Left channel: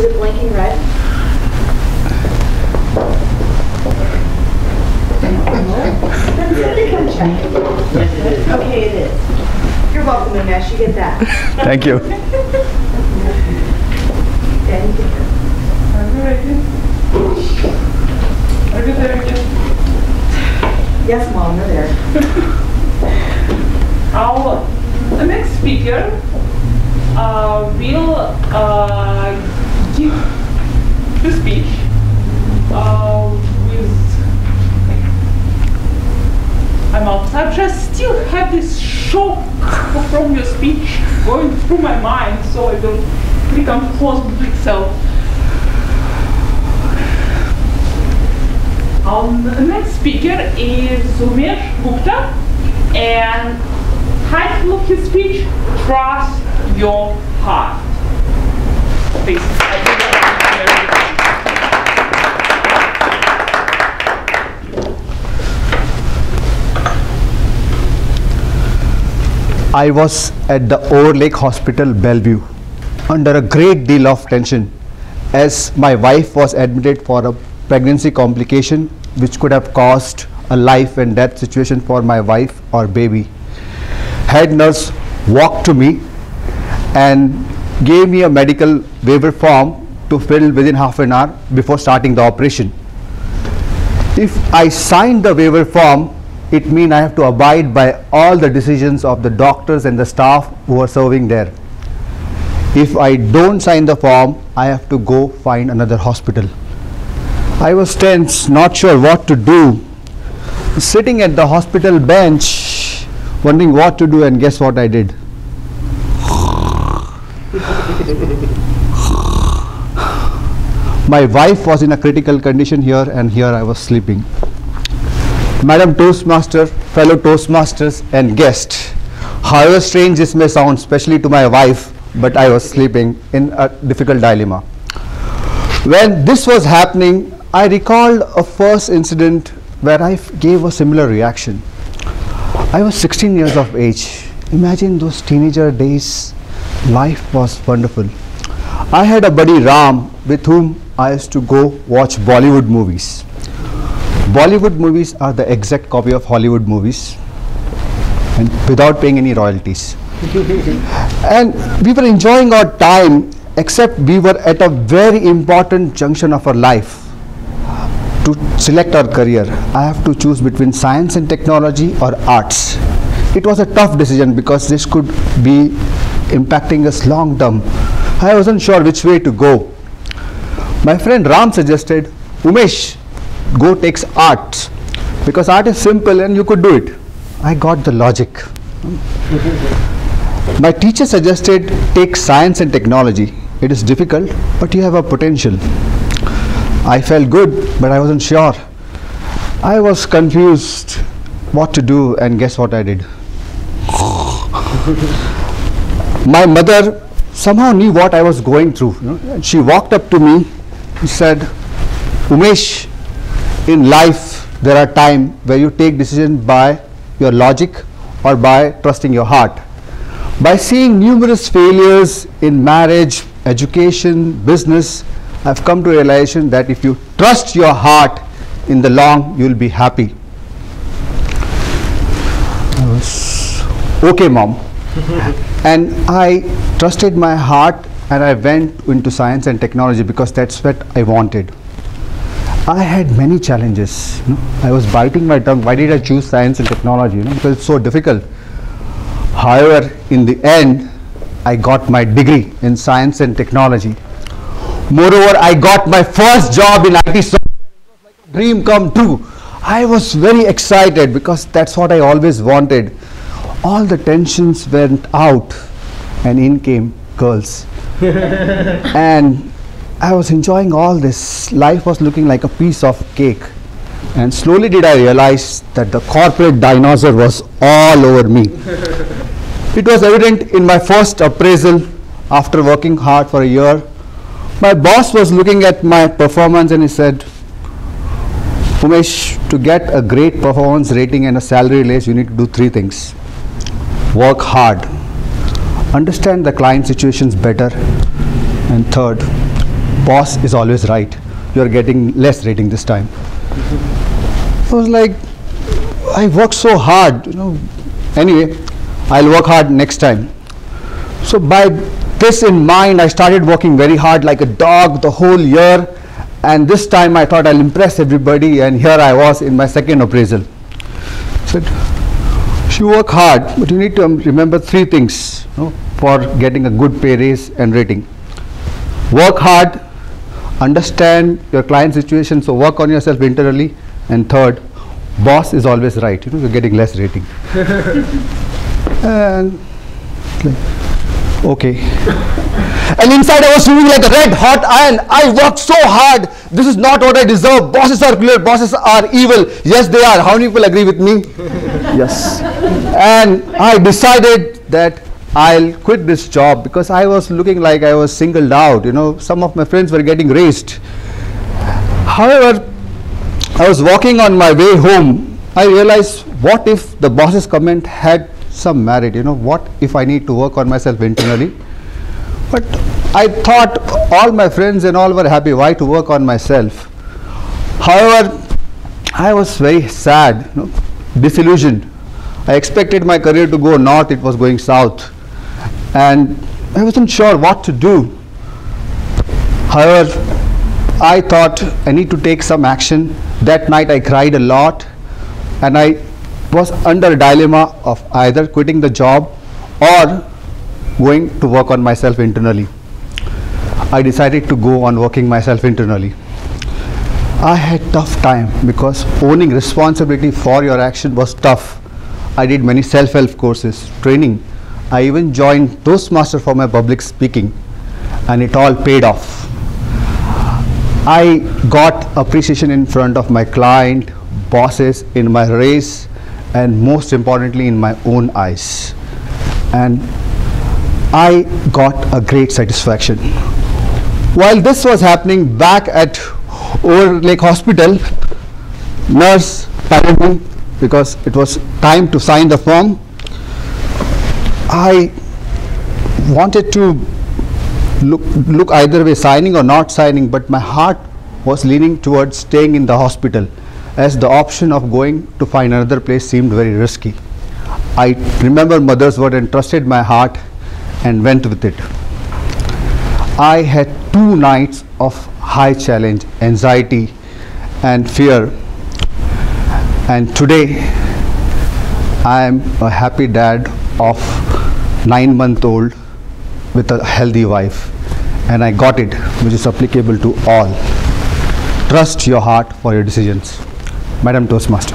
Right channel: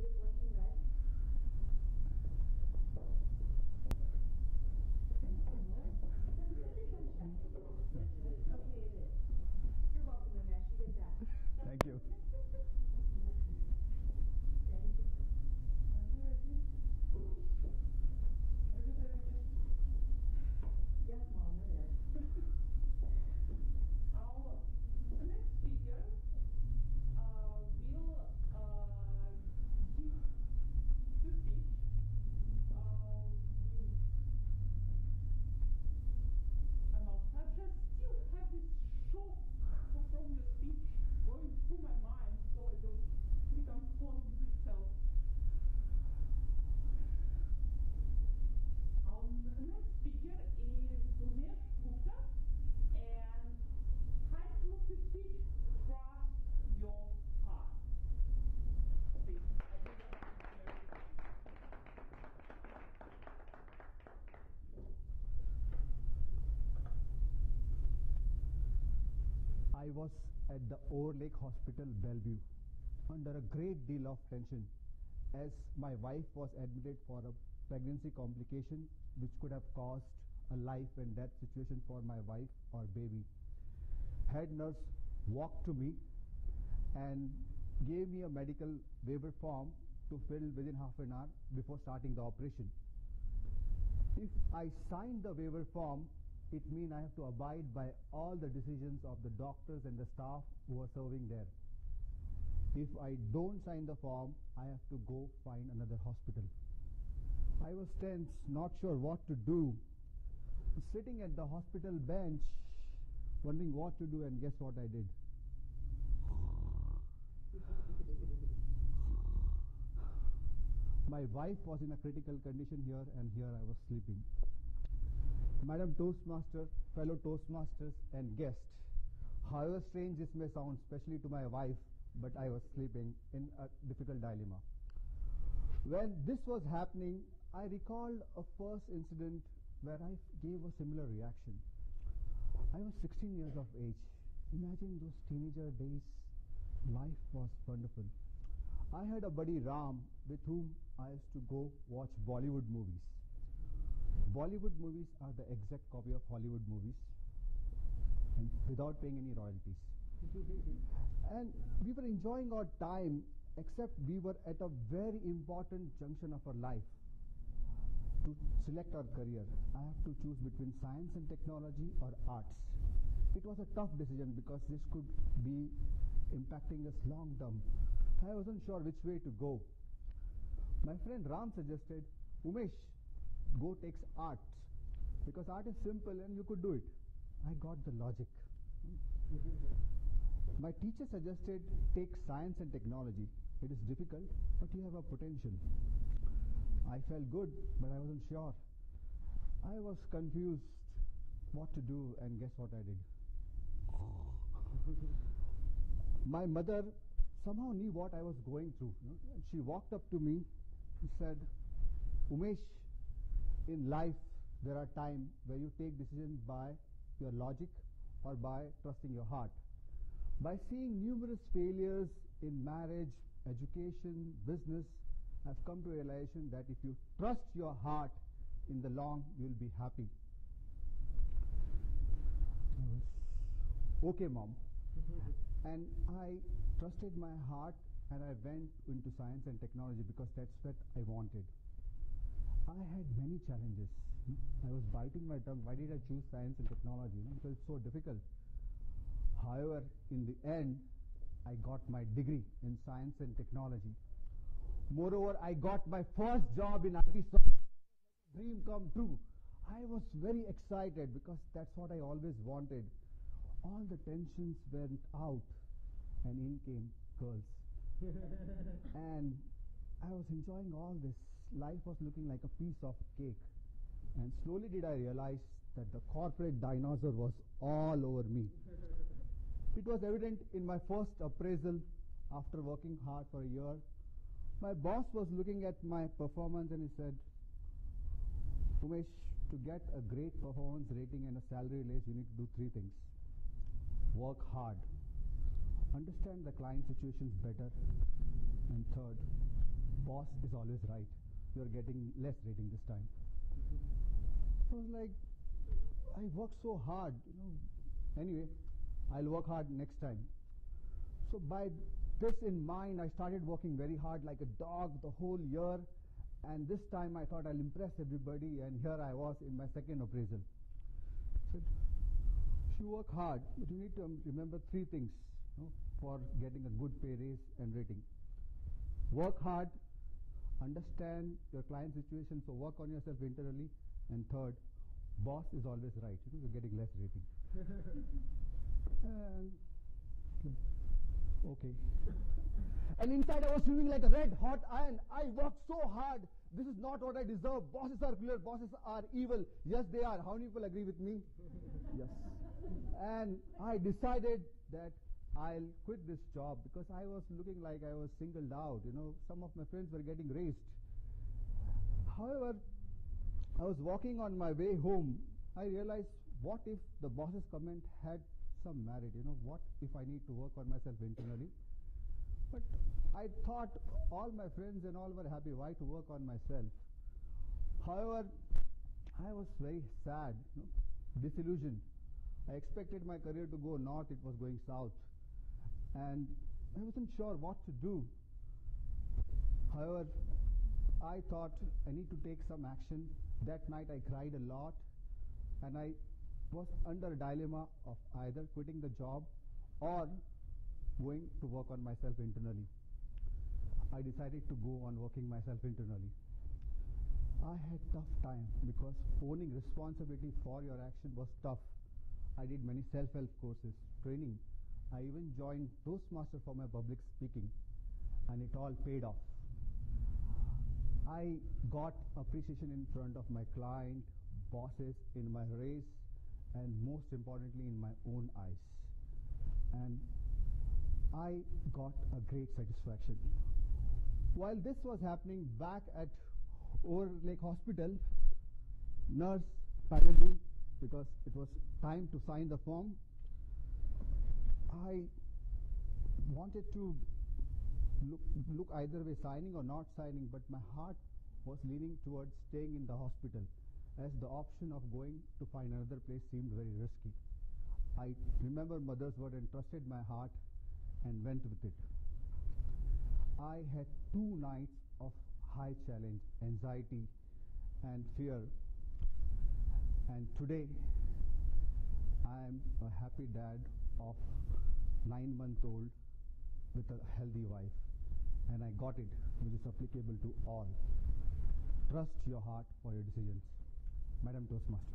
Is it blinking red? Okay, it is. You're welcome, Umesh. You get that. Thank you. Daddy, get this. Are you there again? Yes, Mom, we're there. The next speaker will give the speech with I'm out. I just still have this shock from your speech going through my mind, so I will become close to itself. The next speaker is Umesh Gupta, and title of his speech, Trust Your Heart. Please. I was at the Overlake Hospital, Bellevue, under a great deal of tension as my wife was admitted for a pregnancy complication which could have caused a life and death situation for my wife or baby. Head nurse walked to me and gave me a medical waiver form to fill within half an hour before starting the operation. If I signed the waiver form, it means I have to abide by all the decisions of the doctors and the staff who are serving there. If I don't sign the form, I have to go find another hospital. I was tense, not sure what to do, sitting at the hospital bench, wondering what to do, and guess what I did? My wife was in a critical condition here, and here I was sleeping. Madam Toastmaster, fellow Toastmasters and guests, however strange this may sound, especially to my wife, but I was sleeping in a difficult dilemma. When this was happening, I recalled a first incident where I gave a similar reaction. I was 16 years of age. Imagine those teenager days. Life was wonderful. I had a buddy Ram with whom I used to go watch Bollywood movies. Bollywood movies are the exact copy of Hollywood movies, and without paying any royalties. And we were enjoying our time, except we were at a very important junction of our life to select our career. I have to choose between science and technology or arts. It was a tough decision because this could be impacting us long term. I wasn't sure which way to go. My friend Ram suggested, Umesh, go take arts because art is simple and you could do it. I got the logic. My teacher suggested take science and technology. It is difficult, but you have a potential. I felt good, but I wasn't sure. I was confused what to do, and guess what I did? My mother somehow knew what I was going through. And she walked up to me and said, Umesh, in life there are times where you take decisions by your logic or by trusting your heart. By seeing numerous failures in marriage, education, business, I've come to a realization that if you trust your heart, in the long you'll be happy. I was, okay, Mom. And I trusted my heart and I went into science and technology because that's what I wanted. I had many challenges. I was biting my tongue. Why did I choose science and technology? Because it's so difficult. However, in the end, I got my degree in science and technology. Moreover, I got my first job in IT software. It was like a dream come true. I was very excited because that's what I always wanted. All the tensions went out and in came girls. And I was enjoying all this. Life was looking like a piece of cake. And slowly did I realize that the corporate dinosaur was all over me. It was evident in my first appraisal after working hard for a year. My boss was looking at my performance and he said, Umesh, to get a great performance rating and a salary raise, you need to do 3 things. Work hard, understand the client situations better, and third, boss is always right. You're getting less rating this time. I was like, I worked so hard, Anyway, I'll work hard next time. So by this in mind, I started working very hard like a dog the whole year. And this time I thought I'll impress everybody, and here I was in my second appraisal. Said, you work hard, but you need to remember 3 things for getting a good pay raise and rating. Work hard, understand your client situation, so work on yourself internally, and third, boss is always right, you're getting less rating. And okay. And inside I was feeling like a red hot iron. I worked so hard. This is not what I deserve. Bosses are cruel. Bosses are evil. Yes, they are. How many people agree with me? Yes. And I decided that I'll quit this job because I was looking like I was singled out. Some of my friends were getting raised. However, I was walking on my way home. I realized, what if the boss's comment had some merit? What if I need to work on myself internally? But I thought all my friends and all were happy. Why to work on myself? However, I was very sad, disillusioned. I expected my career to go north, it was going south. And I wasn't sure what to do. However, I thought I need to take some action. That night I cried a lot, and I was under a dilemma of either quitting the job or going to work on myself internally. I decided to go on working myself internally. I had tough time because owning responsibility for your action was tough. I did many self-help courses, training. I even joined Toastmasters for my public speaking, and it all paid off. I got appreciation in front of my client, bosses, in my race, and most importantly in my own eyes. And I got a great satisfaction. While this was happening back at Overlake Hospital, nurse patted me because it was time to sign the form. I wanted to look either way, signing or not signing, but my heart was leaning towards staying in the hospital, as the option of going to find another place seemed very risky. I remember mother's word and trusted my heart and went with it. I had 2 nights of high challenge, anxiety and fear, and today I am a happy dad of 9-month-old with a healthy wife, and I got it, which is applicable to all. Trust your heart for your decisions. Madam Toastmaster.